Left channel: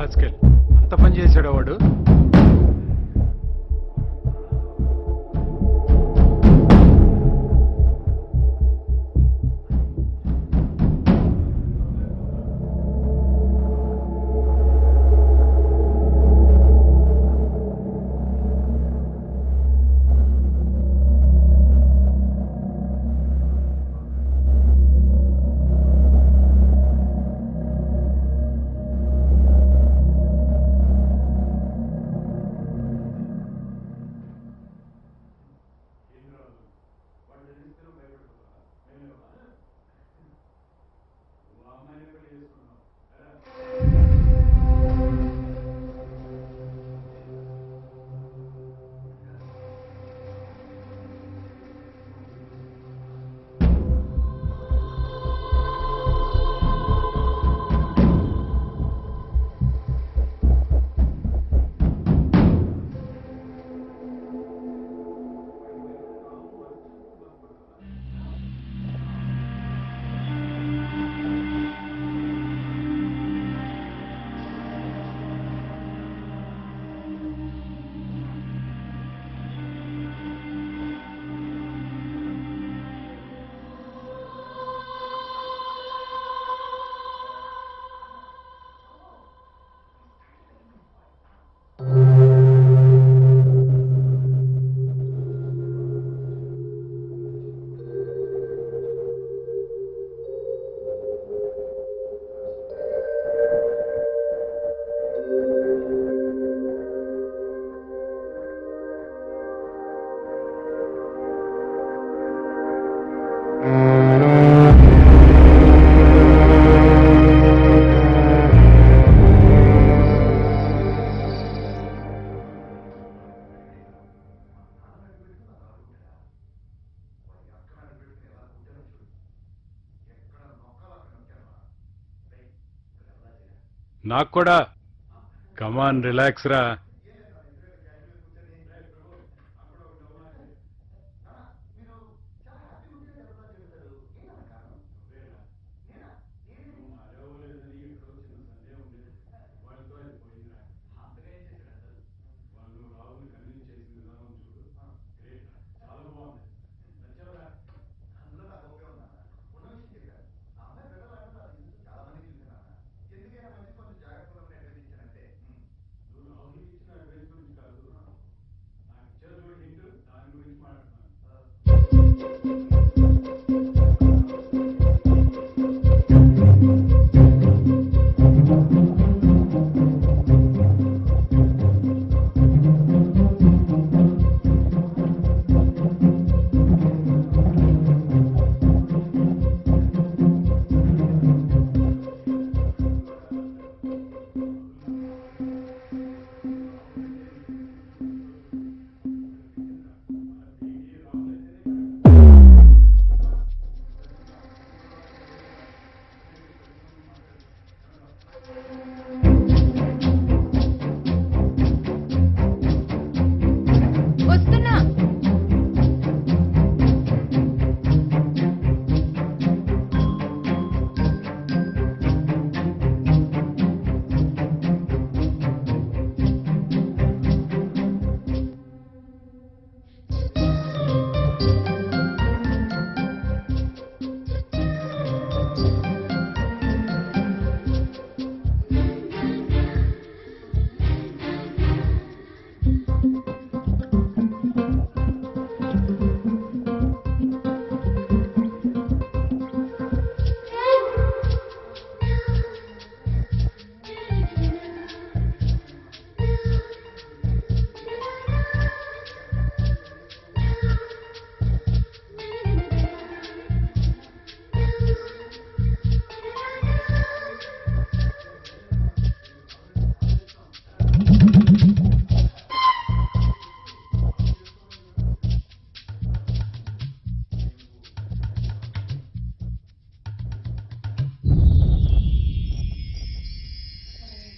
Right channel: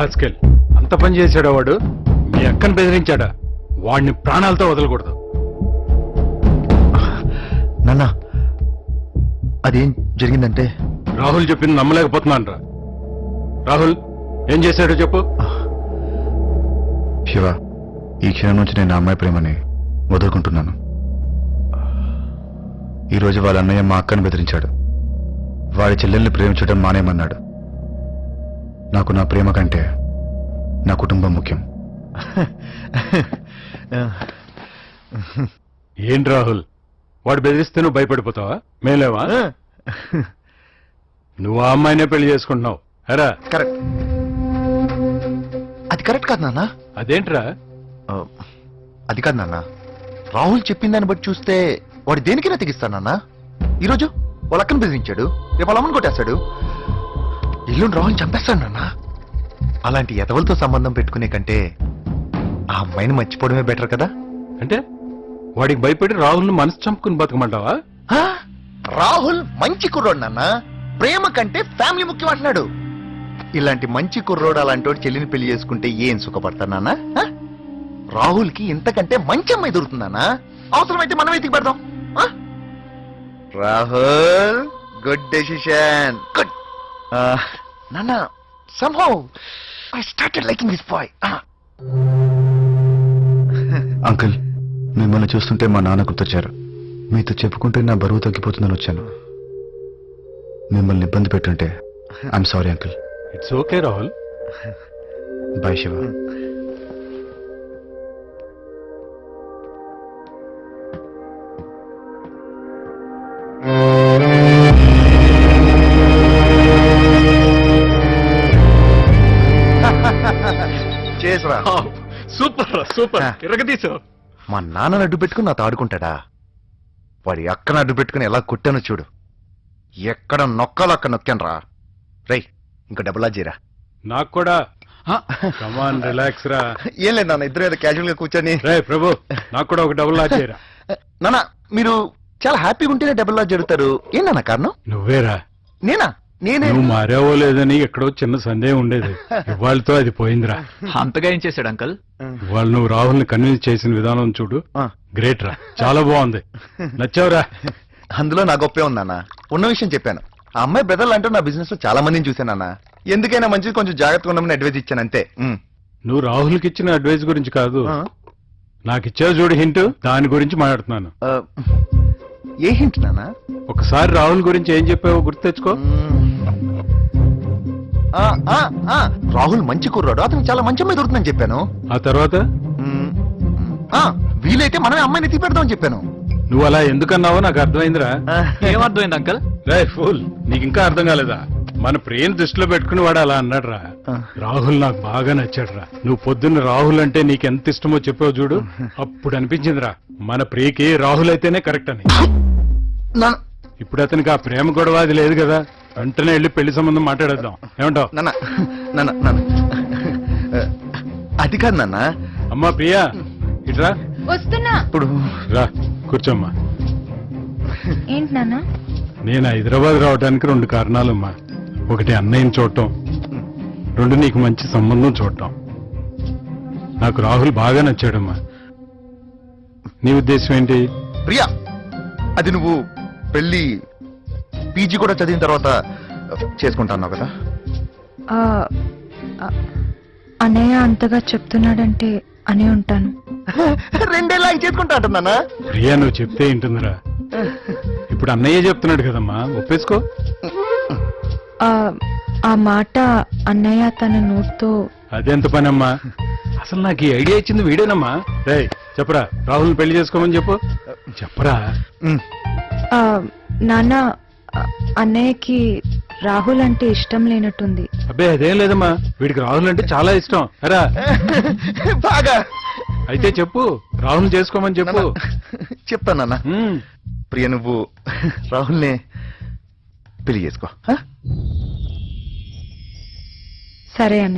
Rascal అంత పని చేశాడా వాడు? మీ అక్కను బెదిరించాడా? వాడిని ప్రాణాలతో వదలకూడదు. నాన్న అదేం జరిగిందంటే రాహుల్ చెప్పింది నమ్మలేకపోతున్నాను రా. రాహుల్ ఏం చేశాడో చెప్పు. శివ, ఈ క్షణం నుంచి నేను ఆ అమ్మాయి ప్రేమని వదులుకుంటున్నాను. ఈరోజు వాళ్ళ అన్నయ్య మా అక్కను బెదిరించాడు. వాడి చెల్లెల్ని ప్రేమించడం మానేయమన్నాడు. నాకు నా ప్రేమ కంటే నా కుటుంబం ముఖ్యం. ఏంటి రాహుల్, వాడు బెదిరిస్తే నువ్వు భయపడిపోతావా? మేలేవా? నువ్వు ఆ అమ్మాయినే పెళ్లి చేసుకుంటున్నావు. అరా కరెక్ట్. అది కరెక్ట్ కాదు నాన్న. అదేంట్రా? అది కాదు నాన్న, రాహుల్ చెప్పిన దాన్ని బట్టి చూస్తే వాడు దేనికైనా తెగిస్తానన్నా. ఈరోజు వాళ్ళ అక్కను బెదిరించాడు, రేపు వాళ్ళ అమ్మని కొట్టేస్తాడు, ఎల్లుండి రాహుల్ చంపేస్తాడు నాన్న. అలాంటి ఎదవలతో సంబంధం పెట్టుకునే కంటే ఆ అమ్మాయిని మర్చిపోవడమే బెటర్ కదా. అంటే వాడికి భయపడి రాహుల్ని మనసు చంపుకుని బతకమంటావా? రాహుల్ మంచి కుర్రోడు నాన్న, ప్రేమ కంటే ఫ్యామిలీ ముఖ్యం అంటున్నాడు. ఇలాంటి మంచి కుర్రోడు అలాంటి చెల్లిని పెళ్లి చేసుకుంటే ఏం సుఖపడతాడు నాన్న? రాహుల్ కి ఇంతకంటే మంచి అమ్మాయి దొరుకుతుందన్నా. అవసరమైతే మనం ఎతికి పెడదాం. Rahul, good decision, good. నాన్న, somehow I started liking this boy. Uncle, మిమ్మల్ని చూస్తుంటే మా నాన్న గుర్తొచ్చారు. మీతో చెప్పుకుంటే నా బరువు తగ్గిపోతుందని వచ్చాను. మిమ్మల్ని ఇబ్బంది పెట్టుంటే I'm sorry uncle. It's okay Rahul. Bye Shiva. Super super, ఇరగదీసావు. మా నాన్నని అడ్డు పెట్టుకుని నాతో ఆడుకుంటాడా? వాడి అక్కను అడ్డు పెట్టుకుని ఎలా కొట్టానో చూడు. ఎక్కడ నొక్కాలో అక్కడ నొక్కాను రా. రై, ఇంకా డబ్బులా చేరా. నాకు కూడా. కమాన్, రిలాక్స్ రా. ఏం లేదు నాన్న, ఇద్దరు ఏదో క్యాజువల్ గా కూర్చొని. రే ప్రభు, నాకు కూడా ఒక డబుల్ లాజ్ చేయరా. నాన్న, మీరు చాలా హ్యాపీగా ఉంటేనే డబ్బులు లాజ్ జరుగుతారు. ఏంటన్నా కారణం? నువ్వేరా. నేనా? నేనే. నువ్వు మారావో లేదని ఎక్కడో చిన్న సందేహం ఉండేది. ఇవాళతో అది పోయిందిరా. అంతగా ఏం చేశాడు అంకల్? ఇవాళ నువ్వు రాహుల్ని కన్విన్స్ చేసిన విధానం చూడు, గ్రేట్ రా. చాలా బాగుంది, నచ్చావురా. అందులో నా గొప్పే ఉందన్న. ఉన్న విషయం చెప్పాను. ఆ అమ్మాయి బ్రదర్లు అంటూ నా బిజినెస్ లో చాలా మందిని చూశానన్న. ఎందుకైనా మంచిది, కొంచెం జాగ్రత్తగా ఉండమని అడ్వైజ్ ఇచ్చాను అంతే. నువ్వు రాహుల్కి ఇచ్చిన అడ్వైస్ గురించి కాదు, నాకు ఇచ్చావు చూడు హింట్, దాని గురించి మాట్లాడుతున్నాను. ఏ హింట్ నాన్న? ఒకసారి రాహుల్ గురించి ఏం చెప్పావో గుర్తు తెచ్చుకో. రాహుల్ మంచి కుర్రాడు, అతను చాలా మంచి అమ్మాయి దొరుకుతుందని చెప్పాను. ఆ తర్వాత వీలైతే మనమే అమ్మాయిని ఎత్తి పెడదామని చెప్పాను. నువ్వు అలా ఎందుకన్నావో నాకు అర్థమైందిరా. ఏమర్థమైంది అంకల్? రే ఫూల్, నీకు ఇంకా అర్థం కాలేదా? మన ప్రేమ దృష్టిలో పెట్టుకుని వాడు అలా అన్నాడు రా. రాహుల్ నాకు బాగా నచ్చాడు రా. నువ్వు పొద్దున్న రాహుల్ అంటే నీకు ఎంత ఇష్టమో చెప్పావు చూడు, అప్పుడు అనిపించిందిరా మన ప్రియకి రాహుల్ అయితేనే కరెక్ట్ అని. ఇప్పుడు అతనికి ఆ ప్రేమ గొడవ అది లేదు కదా, వెంటనే వెళ్ళి పెళ్లి సంబంధం మాట్లాడేద్దాం. ఏమంటావు? అది కాదు నాన్న. అమ్మా ప్రియా, ఇట్రా. వస్తున్నా. ఇప్పుడు రా, కూర్చోమ్మా. ఏంటి నాన్న? నేను హైదరాబాద్ రావడానికి 2 కారణాలమ్మా. ఒకటి అన్నయ్యని చూడటం, 2 నీకు మంచి సంబంధం చూడటం. నాకు రాహుల్ బాగా నచ్చాడమ్మా. నీ ఉద్దేశం ఏంటి? ప్రియా, అది నువ్వు పెళ్లి పీజీ కూడా చదివిన తర్వాత చేసుకుంటాను కదా. అన్నయ్య అంతగా చెప్తున్నాడంటే అనే ఉంటాను. 2 ఏళ్ళ చేసుకుంటా అంటున్నానా? ప్రియా, నువ్వు చెప్తే ఏంటుందిరా. ఇప్పుడు అన్నయ్య చెప్తున్నాడు కదమ్మా, ఒప్పేసుకో. ఆ మాట అన్నయ్య తన నోటితో. అదెంత పనమ్మా? అసలు నాకు ఈ ఐడియా ఇచ్చింది వీడేనమ్మా. రే చెప్పరా, రాహుల్ పెళ్లి చేసుకోమని చెప్పు. చెప్పరా. నాన్న, అన్నయ్యకి రాహుల్ అంటే ఇష్టం లేనట్టుంది. అబ్బే అదేం లేదమ్మా, వీడికి రాహుల్ అంటే చాలా ఇష్టం. అరా బాగా. అయితే చెప్పు, రాహుల్ చేసుకోమని చెప్పు. చెప్తానన్నా. ప్రియ, నువ్వు రాహుల్ని పెళ్లి చేసుకో. సరే అన్న.